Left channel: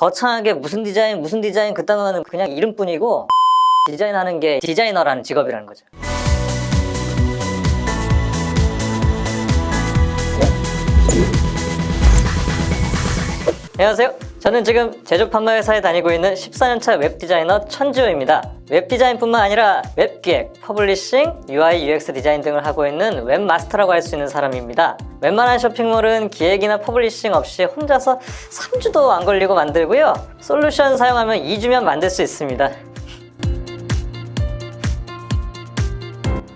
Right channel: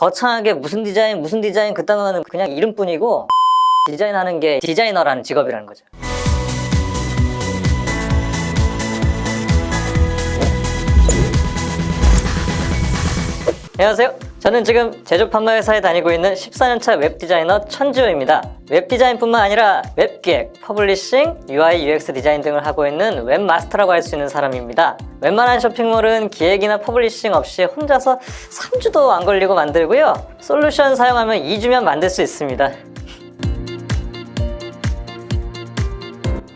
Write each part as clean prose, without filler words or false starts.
거창하게 무슨 디자인 그따가는 그냥 이름뿐이고 디자인하는 게 디자이너라는 직업이라는 거죠. 안녕하세요. 저는 지금 제조판매 회사에 다니고 있는 14년차 웹디자이너 천지호입니다. 웹디자인뿐만 아니라 웹기획, 퍼블리싱, UI, UX 디자인 등을 하고 있는 웹마스터라고 할 수 있는 사람입니다. 웬만한 쇼핑몰은 기획이나 퍼블리싱 없이 혼자서 3주도 안 걸리고 만들고요. 솔루션 사용하면 2주면 만들 수 있습니다.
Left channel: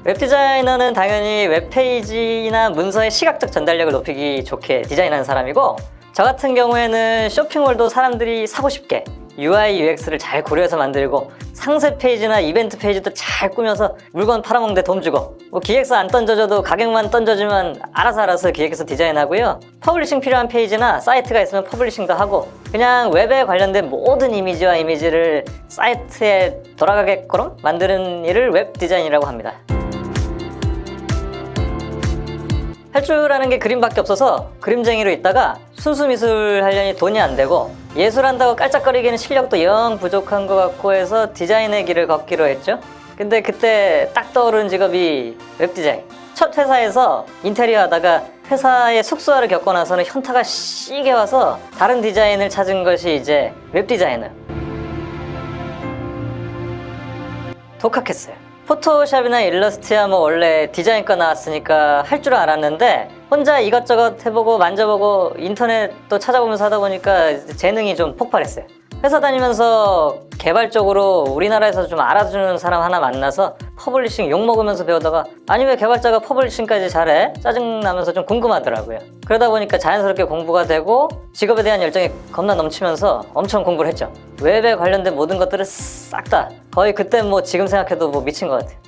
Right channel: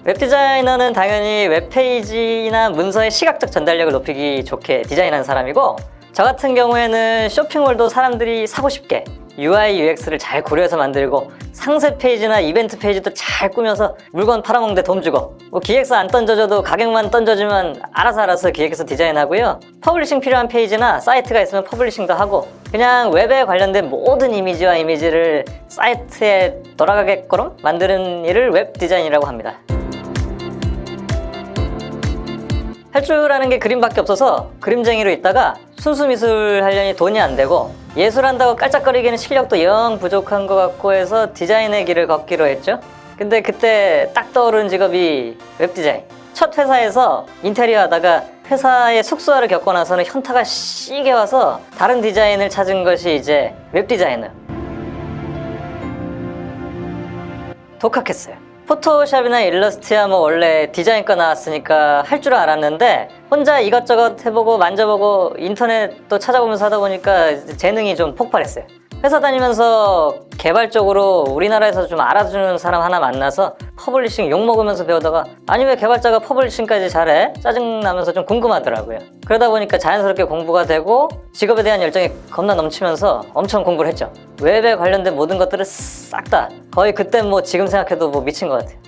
웹디자이너는 당연히 웹페이지나 문서의 시각적 전달력을 높이기 좋게 디자인하는 사람이고, 저 같은 경우에는 쇼핑몰도 사람들이 사고 싶게 UI, UX를 잘 고려해서 만들고, 상세 페이지나 이벤트 페이지도 잘 꾸며서 물건 팔아먹는 데 도움 주고, 기획서 안 던져줘도 가격만 던져주면 알아서 기획해서 디자인하고요. 퍼블리싱 필요한 페이지나 사이트가 있으면 퍼블리싱도 하고, 그냥 웹에 관련된 모든 이미지와 이미지를 사이트에 돌아가게끔 만드는 일을 웹 디자인이라고 합니다. 할 줄 아는 게 그림밖에 없어서 그림쟁이로 있다가 순수 미술 하려니 돈이 안 되고, 예술한다고 깔짝거리기는 실력도 영 부족한 것 같고 해서 디자인의 길을 걷기로 했죠. 근데 그때 딱 떠오른 직업이 웹디자인. 첫 회사에서 인테리어 하다가 회사의 숙소화를 겪고 나서는 현타가 시게 와서 다른 디자인을 찾은 것이 이제 웹디자이너. 독학했어요. 포토샵이나 일러스트야 뭐 원래 디자인과 나왔으니까 할 줄 알았는데, 혼자 이것저것 해보고 만져보고 인터넷도 찾아보면서 하다 보니까 재능이 좀 폭발했어요. 회사 다니면서 개발적으로 우리나라에서 좀 알아주는 사람 하나 만나서 퍼블리싱 욕먹으면서 배우다가, 아니 왜 개발자가 퍼블리싱까지 잘해? 짜증나면서 좀 궁금하더라고요. 그러다 보니까 자연스럽게 공부가 되고 직업에 대한 열정이 겁나 넘치면서 엄청 공부를 했죠. 웹에 관련된 모든 것들은 싹 다, 거의 그때 뭐 지금 생각해도 뭐 미친 것 같아요.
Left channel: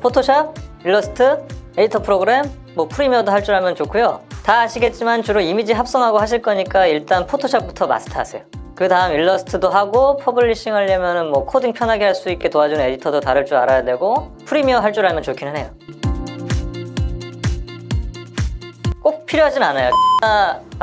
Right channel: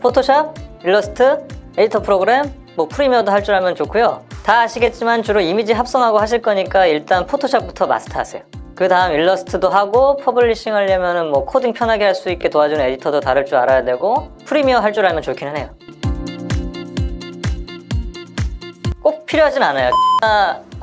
포토샵, 일러스트, 에디터 프로그램, 프리미어도 할 줄 알면 좋고요. 다 아시겠지만 주로 이미지 합성하고 하실 거니까 일단 포토샵부터 마스터하세요. 그 다음 일러스트도 하고, 퍼블리싱 하려면 코딩 편하게 할 수 있게 도와주는 에디터도 다룰 줄 알아야 되고, 프리미어 할 줄 알면 좋기는 해요. 꼭 필요하진 않아요.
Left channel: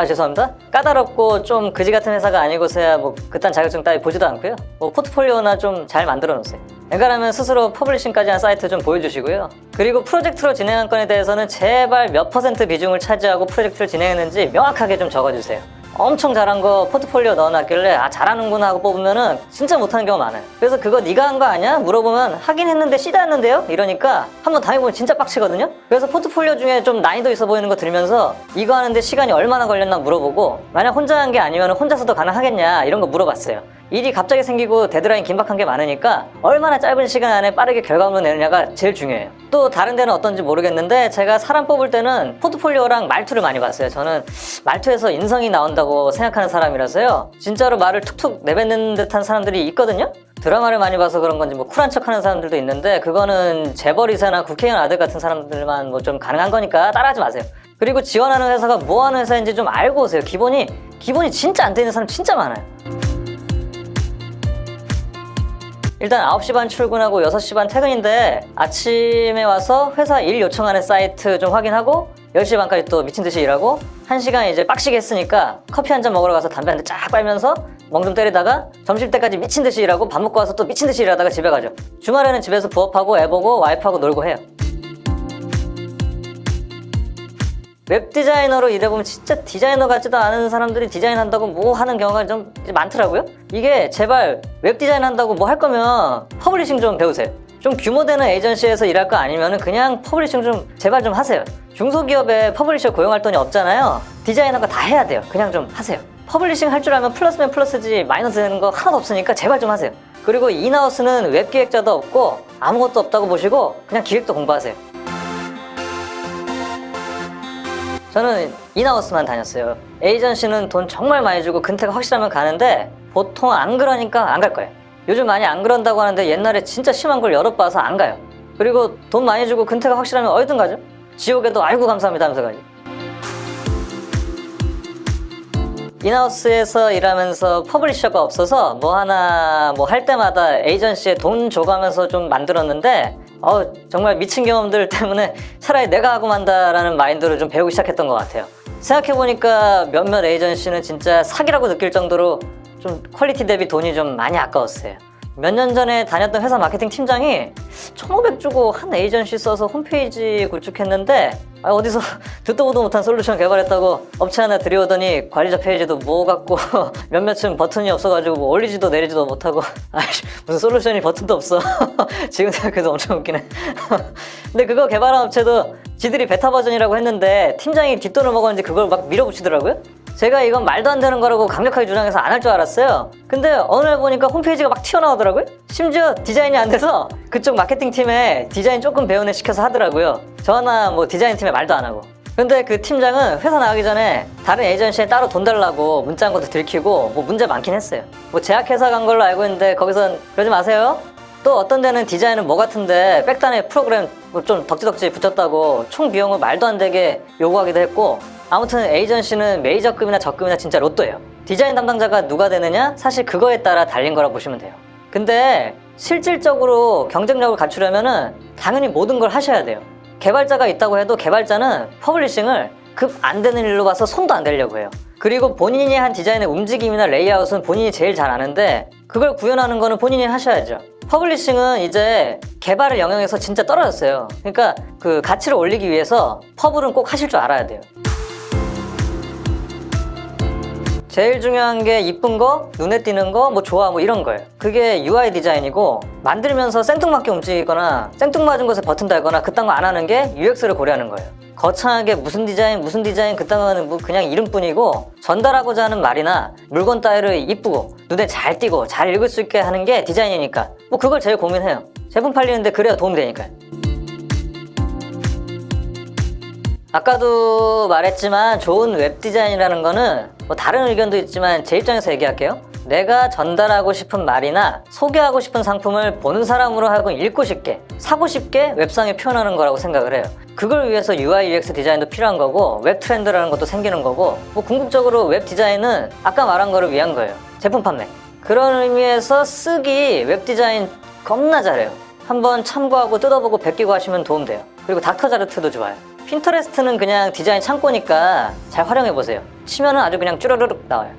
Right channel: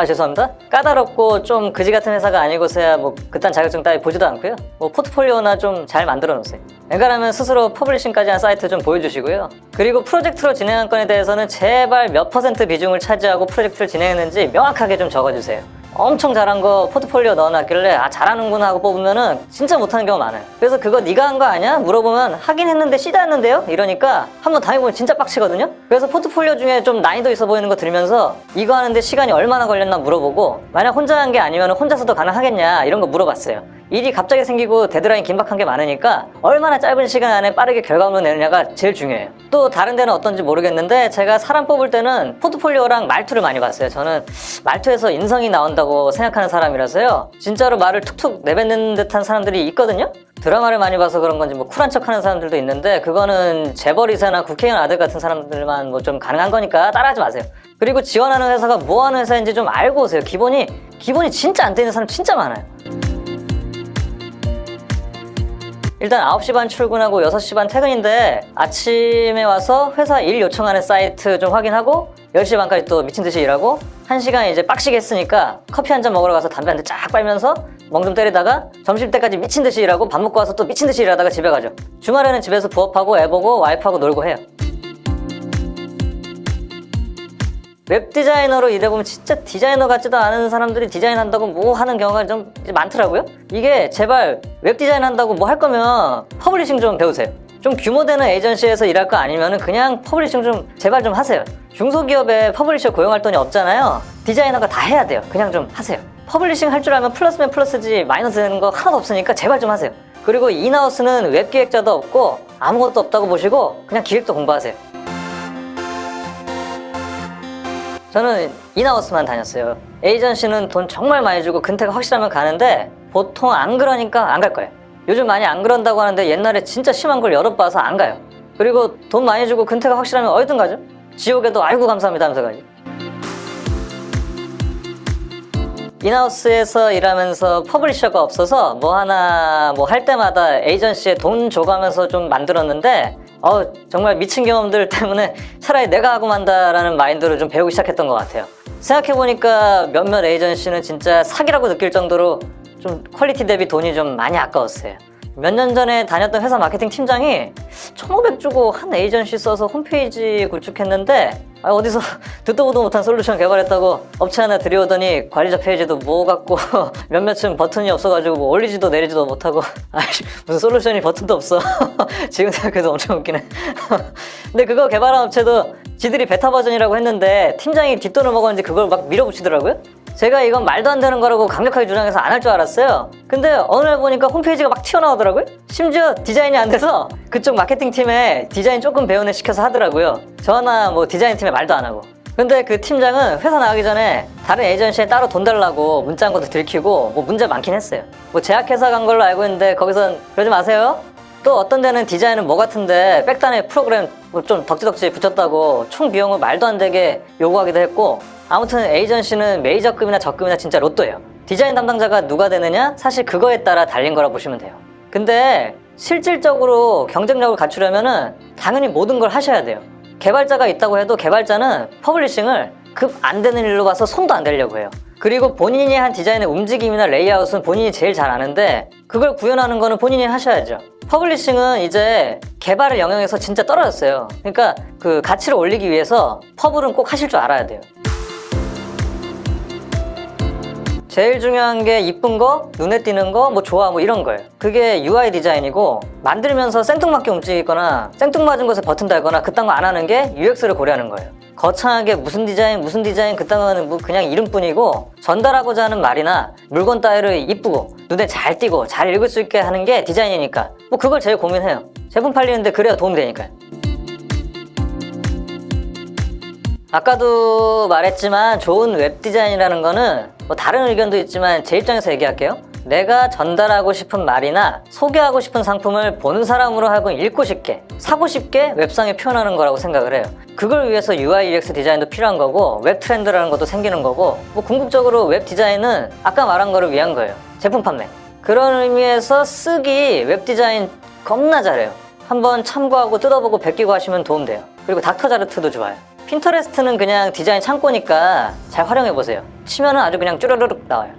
죄송합니다. 까다롭고 좀 그지 같은 회사가 아니고서야 그딴 자격증 따위 보지도 않고요. 포트폴리오나 좀 잘 만들어 놓으세요. 웬간하면 스스로 퍼블리싱까지 한 사이트 좀 보여주시고요. 그리고 프로젝트로 진행한 건에 대해서는 제발 몇 % 비중을 차지하고 프로젝트를 진행했는지 명확하게 좀 적어주세요. 엄청 잘한 거 포트폴리오 넣어놨길래 잘하는구나 하고 뽑으면은 진짜 못하는 경우가 많아요. 그래서 그거 네가 한 거 아니야? 물어보면 하긴 했는데 시도 했는데요? 이러니까 한번 당해보면 진짜 빡치거든요? 그래서 포트폴리오 중에 좀 난이도 있어 보이는 거 들으면서 이거 하는데 시간이 얼마나 걸렸나 물어보고, 만약 혼자 한 게 아니면 혼자서도 가능하겠냐 이런 거 물어봤어요. 일이 갑자기 생기고 데드라인 긴박한 게 많으니까 얼마나 짧은 시간 안에 빠르게 결과물 내느냐가 제일 중요해요. 또 다른 데는 어떤지 모르겠는데, 제가 사람 뽑을 때는 포트폴리오랑 말투를 많이 봤어요. 저는 말투에서 인성이 나온다고 생각하는 사람이라서요. 진짜로 말을 툭툭 내뱉는 듯한 사람들이 있거든요. 드라마를 많이 봐서 그런 건지 쿨한 척하는 사람들도 있는데, 그거는 재벌이사나 국회의원 아들 같은 사람들만 좀 가능한 거니까 따라하지 마세요. 그리고 지원하는 회사가 뭐 하는 회사인지 좀 알고 오세요. 기본이 진짜 안 되는 사람 진짜 많아요. 일단 9시 반 출근하고 6시 반 퇴근인데, 아침에 와서 회사 일 요청하는 사이트 좀 확인하고 10시 반까지 또 미친듯이 일하고, 1시간 이제 빡시게 했으니까 커피 한잔 먹으러 가서 담배 한 대 쫙 빨면서 멍 좀 때리다가 점심때까지 미친듯이 일하고, 밥 먹고 와서 또 미친듯이 일하다가 집에 가죠. 주말에는 집에서 부업하고 애 보고 와이프하고 놀고 해요. 웹디자이너로 일해보면 진짜 디자이너 같지도 않은 사람들이 디자인한다고 뭐 하는 경우가 좀 많더라고요. 이게 제발 웹디자인 한다고 뭐 할 거면 퍼블리싱 좀 배우세요. 좀 규모되는 에이전시에서 일할 거 아니면 그냥 퍼블리싱 좀 제발 좀 하세요. 중소기업에 퍼블리셔 고용할 돈이 없잖아요. 디자이너가 다 해야 돼요. 그냥 좀 하세요. 퍼블리싱 할 줄 알면 플러스면 플러스지 마이너스 되는 거 하나도 없으니까 제발 좀 하세요. 그리고 인하우스는 웹기획자도 없고 아무것도 없다고 보시고 그냥 기획도 공부하세요. 저는 인하우스만 다녔어요. 에이전시는 돈 정말 많이 주고 근태가 확실하면 가는데, 보통 안 그러니까 안 갈 거예요. 요즘 많이 안 그런다고 하는데 옛날에 진짜 심한 걸 여러 봐서 안 가요. 그리고 돈 많이 주고 근태가 확실하면 어디든 가죠. 지옥에도 아이고 감사합니다 하면서 가요. 인하우스에서 일하면서 퍼블리셔가 없어서 뭐 하나 할 때마다 에이전시에 돈 줘가면서 좀 만들었는데, 정말 미친 경험들 때문에 차라리 내가 하고 만다라는 마인드로 좀 배우기 시작했던 것 같아요. 생각해보니까 몇몇 에이전시는 진짜 사기라고 느낄 정도로 좀 퀄리티 대비 돈이 좀 많이 아까웠어요. 몇 년 전에 다녔던 회사 마케팅 팀장이 1,500 주고 한 에이전시 써서 홈페이지 구축했는데 어디서 듣도 보도 못한 솔루션 개발했다고 업체 하나 들여오더니 관리자 페이지도 뭐 갖고 몇몇은 버튼이 없어가지고 뭐 올리지도 내리지도 못하고 무슨 솔루션이 버튼도 없어. 지금 생각해도 엄청 웃기네. 근데 그거 개발한 업체도 지들이 베타 버전이라고 했는데 팀장이 뒷돈을 먹었는지 그걸 막 밀어붙이더라고요. 제가 이건 말도 안 되는 거라고 강력하게 주장해서 안 할 줄 알았어요. 근데 어느 날 보니까 홈페이지가 막 튀어나오더라고요. 심지어 디자인이 안 돼서 그쪽 마케팅 팀에 디자인 조금 배운 애 시켜서 하더라고요. 저나 뭐 디자인 팀에 말도 안 하고. 근데 그 팀장은 회사 나가기 전에 다른 에이전시에 따로 돈 달라고 문자 한 것도 들키고 뭐 문제 많긴 했어요. 뭐 제약회사 간 걸로 알고 있는데 거기선 그러지 마세요. 또 어떤 데는 디자인은 뭐 같은데 백단에 프로그램 좀 덕지덕지 붙였다고 총 비용을 말도 안 되게 요구하기도 했고, 아무튼 에이전시는 메이저급이나 저급이나 진짜 로또예요. 디자인 담당자가 누가 되느냐? 사실 그거에 따라 달린 거라고 보시면 돼요. 근데 실질적으로 경쟁력을 갖추려면은 당연히 모든 걸 하셔야 돼요. 개발자가 있다고 해도 개발자는 퍼블리싱을 급 안 되는 일로 봐서 손도 안 대려고 해요. 그리고 본인이 한 디자인의 움직임이나 레이아웃은 본인이 제일 잘 아는데 그걸 구현하는 거는 본인이 하셔야죠. 퍼블리싱은 이제 개발의 영역에서 진짜 떨어졌어요. 그러니까 그 가치를 올리기 위해서 퍼블은 꼭 하실 줄 알아야 돼요. 제일 중요한 게 이쁜 거, 눈에 띄는 거, 뭐 좋아 뭐 이런 거예요. 그게 UI 디자인이고, 만들면서 생뚱맞게 움직이거나 생뚱맞은 곳에 버튼 달거나 그딴 거 안 하는 게 UX를 고려하는 거예요. 거창하게 무슨 디자인 그딴 거는 뭐 그냥 이름뿐이고, 전달하고자 하는 말이나 물건 따위를 이쁘고 눈에 잘 띄고 잘 읽을 수 있게 하는 게 디자인이니까 뭐 그걸 제일 고민해요. 제품 팔리는데 그래야 도움 되니까요. 아까도 말했지만 좋은 웹 디자인이라는 거는 뭐 다른 의견도 있지만 제 입장에서 얘기할게요. 내가 전달하고 싶은 말이나 소개하고 싶은 상품을 보는 사람으로 하여금 읽고 싶게, 사고 싶게 웹상에 표현하는 거라고 생각을 해요. 그걸 위해서 UI, UX 디자인도 필요한 거고 웹 트렌드라는 것도 생기는 거고, 뭐 궁극적으로 웹 디자인은 아까 말한 거를 위한 거예요. 제품 판매. 그런 의미에서 쓰기 웹 디자인 겁나 잘해요. 한번 참고하고 뜯어보고 베끼고 하시면 도움돼요. 그리고 닥터자르트도 좋아요. 핀터레스트는 그냥 디자인 창고니까 잘 활용해보세요. 치면은 아주 그냥 쭈르르륵 나와요.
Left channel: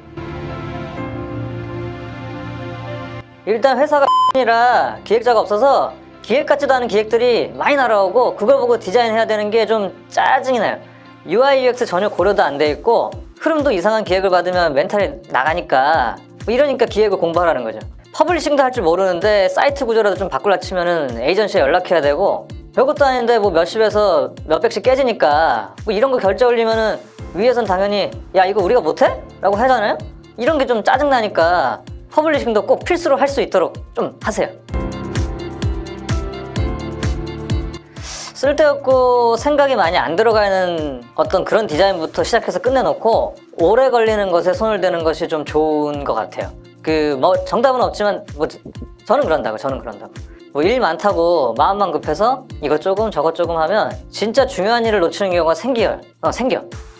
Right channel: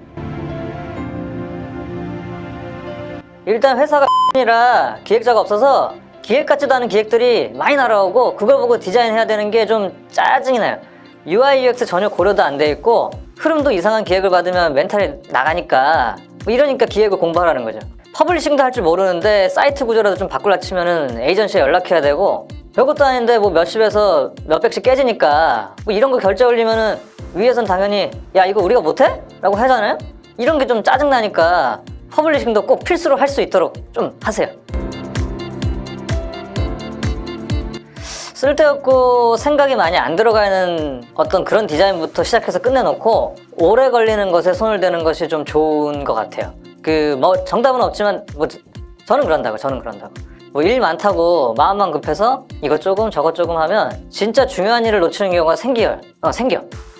일단 회사가 이라 기획자가 없어서 기획 같지도 않은 기획들이 많이 날아오고 그걸 보고 디자인해야 되는 게 좀 짜증이 나요. UI, UX 전혀 고려도 안 돼 있고 흐름도 이상한 기획을 받으면 멘탈이 나가니까 뭐 이러니까 기획을 공부하라는 거죠. 퍼블리싱도 할 줄 모르는데 사이트 구조라도 좀 바꾸려 치면은 에이전시에 연락해야 되고, 별것도 아닌데 뭐 몇십에서 몇백씩 깨지니까 뭐 이런 거 결제 올리면은 위에서는 당연히 야 이거 우리가 못해? 라고 하잖아요. 이런 게 좀 짜증나니까 퍼블리싱도 꼭 필수로 할 수 있도록 좀 하세요. 쓸데없고 생각이 많이 안 들어가는 어떤 그런 디자인부터 시작해서 끝내놓고 오래 걸리는 것에 손을 대는 것이 좀 좋은 것 같아요. 그 뭐 정답은 없지만 뭐 저는 그런다고. 뭐 일 많다고 마음만 급해서 이것 조금 저것 조금 하면 진짜 중요한 일을 놓치는 경우가 생겨.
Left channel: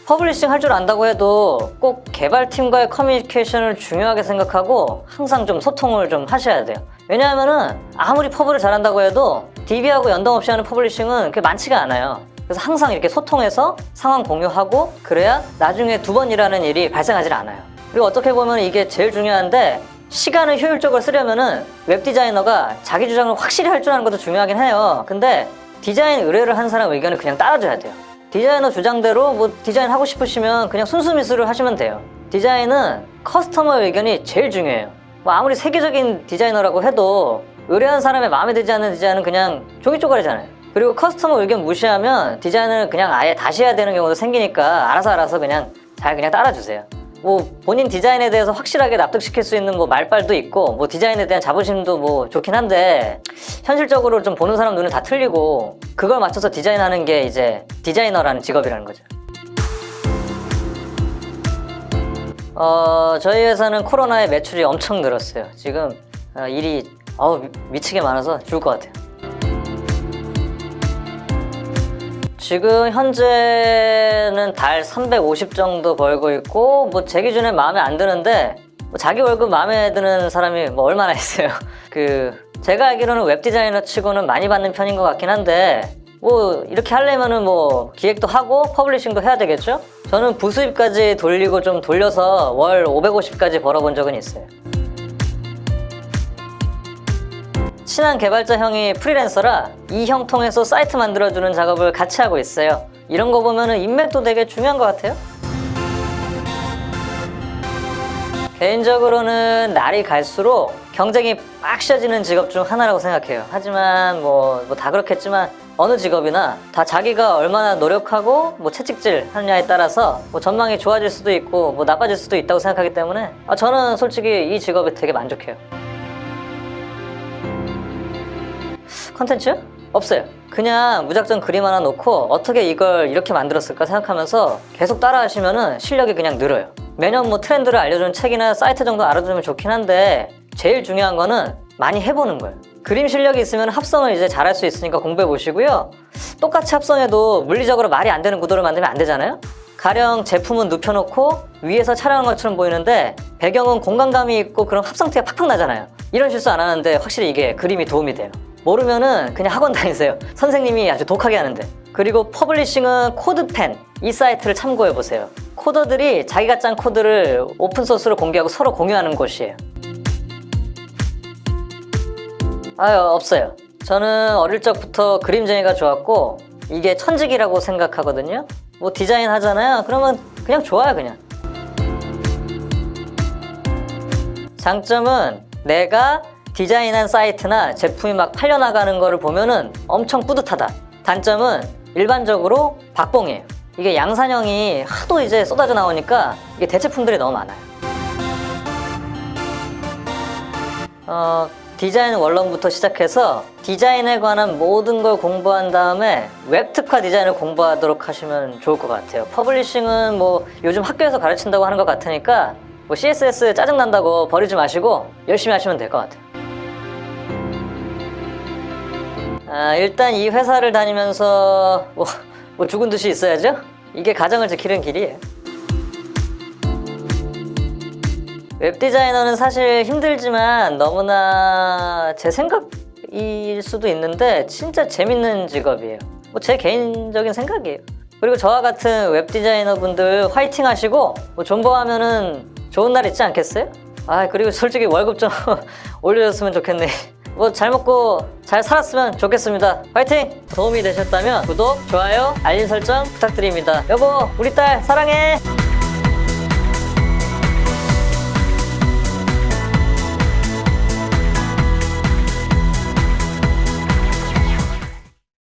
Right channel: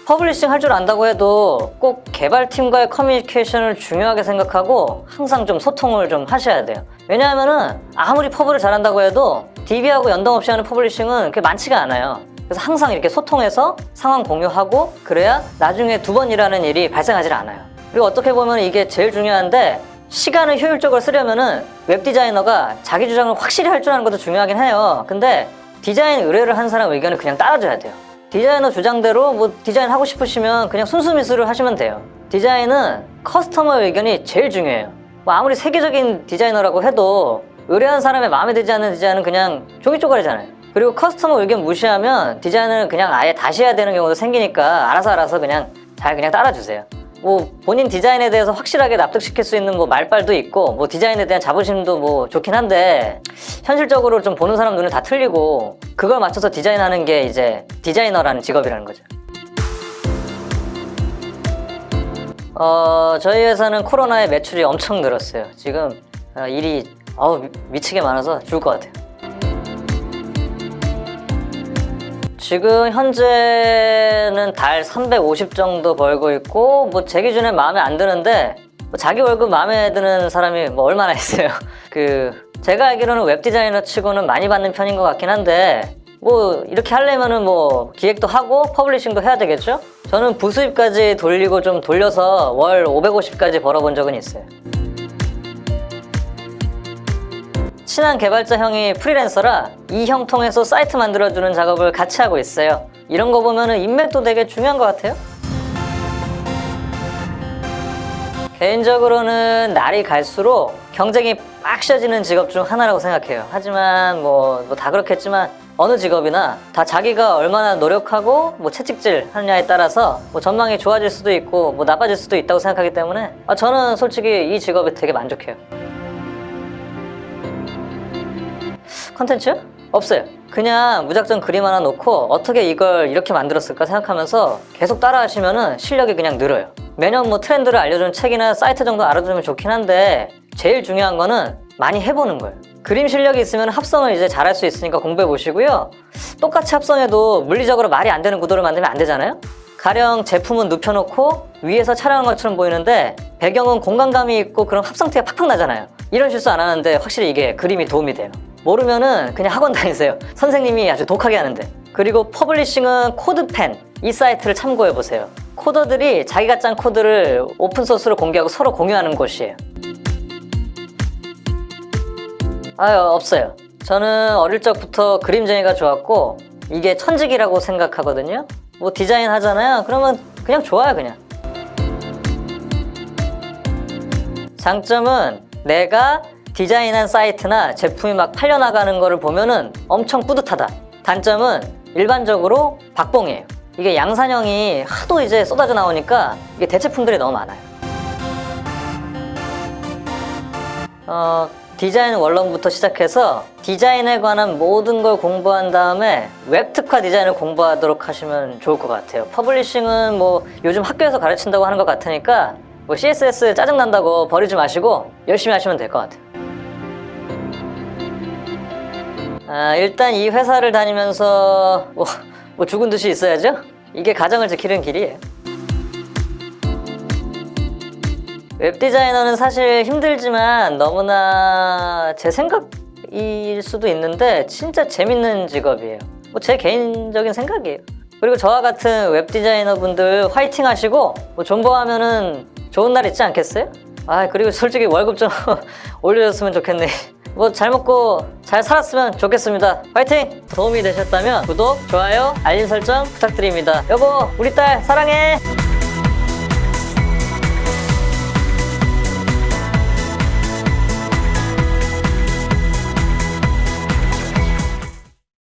퍼블리싱 할 줄 안다고 해도 꼭 개발팀과의 커뮤니케이션을 중요하게 생각하고 항상 좀 소통을 좀 하셔야 돼요. 왜냐하면은 아무리 퍼블을 잘한다고 해도 DB하고 연동 없이 하는 퍼블리싱은 그게 많지가 않아요. 그래서 항상 이렇게 소통해서 상황 공유하고 그래야 나중에 두 번 일하는 일이 발생하지 않아요. 그리고 어떻게 보면 이게 제일 중요한데, 시간을 효율적으로 쓰려면은 웹 디자이너가 자기 주장을 확실히 할 줄 아는 것도 중요하긴 해요. 근데 디자인 의뢰를 한 사람 의견을 그냥 따라줘야 돼요. 디자이너 주장대로 뭐 디자인 하고 싶으시면 그냥 순수 미술을 하시면 돼요. 디자인은 커스터머 의견이 제일 중요해요. 뭐 아무리 세계적인 디자이너라고 해도 의뢰한 사람의 마음에 들지 않는 디자인은 그냥 종이 쪼가리잖아요. 그리고 커스터머 의견 무시하면 디자인은 그냥 아예 다시 해야 되는 경우도 생기니까 알아서 그냥 잘 그냥 따라주세요. 뭐 본인 디자인에 대해서 확실하게 납득시킬 수 있는 뭐 말빨도 있고 뭐 디자인에 대한 자부심도 뭐 좋긴 한데, 현실적으로 좀 보는 사람 눈이 다 틀리고 그걸 맞춰서 디자인하는 게 이제 디자이너라는 직업이라는 거죠. 저희 회사는 코로나에 매출이 엄청 늘었어요. 지금 일이 미치게 많아서 죽을 것 같아요. 지금 현재는 달 350 정도 벌고 있고, 뭐 제 기준에 마음에 안 드는데 뭐 자기 월급 마음에 드는 사람이 뭐 얼마나 있어요. 제가 알기로는 웹 디자이너 치고는 많이 받는 편인 것 같긴 한데, 뭐 이렇게 하려면은 뭐 기획도 하고 퍼블리싱도 해야 되겠죠? 저는 부수입까지 돌리고 좀 돌려서 월 550까지 벌어본 적은 있어요. 친한 개발자 형이 프리랜서라 이 형 통해서 사이트 만들어주는 작업을 같이 하고 있어요. 이런 거 보면은 인맥도 되게 중요한 것 같아요. 개인적으로는 날이 갈수록 경쟁이 빡셔지는 직업 중 하나라고 생각해요. 하지만 뭐 다 그렇겠지만 어느 직업이나 다 자기가 얼마나 노력하고 뭐 채찍질 하느냐에 따라서 뭐 전망이 좋아질 수도 있고 뭐 나빠질 수도 있다고 생각하기 때문에 저는 솔직히 이 직업에 되게 만족해요. 컨텐츠? 없어요. 그냥 무작정 그림 하나 놓고 어떻게 이걸 이렇게 만들었을까 생각하면서 계속 따라 하시면은 실력이 그냥 늘어요. 매년 뭐 트렌드를 알려주는 책이나 사이트 정도 알아두면 좋긴 한데 제일 중요한 거는 많이 해보는 거예요. 그림 실력이 있으면 합성을 이제 잘할 수 있으니까 공부해 보시고요. 똑같이 합성해도 물리적으로 말이 안 되는 구도를 만들면 안 되잖아요? 가령 제품은 눕혀놓고 위에서 촬영한 것처럼 보이는데 배경은 공간감이 있고 그럼 합성티가 팍팍 나잖아요. 이런 실수 안 하는데 확실히 이게 그림이 도움이 돼요. 모르면은 그냥 학원 다니세요. 선생님이 아주 독하게 하는데. 그리고 퍼블리싱은 코드펜 이 사이트를 참고해보세요. 코더들이 자기가 짠 코드를 오픈소스로 공개하고 서로 공유하는 곳이에요. 없어요. 저는 어릴 적부터 그림쟁이가 좋았고 이게 천직이라고 생각하거든요. 뭐 디자인 하잖아요. 그러면 그냥 좋아요 그냥. 장점은 내가 디자인한 사이트나 제품이 막 팔려나가는 거를 보면은 엄청 뿌듯하다. 단점은 일반적으로 박봉이에요. 이게 양산형이 하도 이제 쏟아져 나오니까 이게 대체품들이 너무 많아요. 디자인 원론부터 시작해서 디자인에 관한 모든 걸 공부한 다음에 웹특화 디자인을 공부하도록 하시면 좋을 것 같아요. 퍼블리싱은 뭐 요즘 학교에서 가르친다고 하는 것 같으니까 뭐 CSS 짜증난다고 버리지 마시고 열심히 하시면 될 것 같아요. 일단 이 회사를 다니면서 뭐 죽은 듯이 있어야죠? 이게 가정을 지키는 길이에요. 웹디자이너는 사실 힘들지만 너무나 제 생각일 수도 있는데 진짜 재밌는 직업이에요. 뭐 제 개인적인 생각이에요. 그리고 저와 같은 웹디자이너 분들 화이팅 하시고 뭐 존버하면은 좋은 날 있지 않겠어요? 그리고 솔직히 월급 좀 올려줬으면 좋겠네. 뭐 잘 먹고 잘 살았으면 좋겠습니다. 화이팅! 도움이 되셨다면 구독, 좋아요, 알림 설정 부탁드립니다. 여보, 우리 딸 사랑해!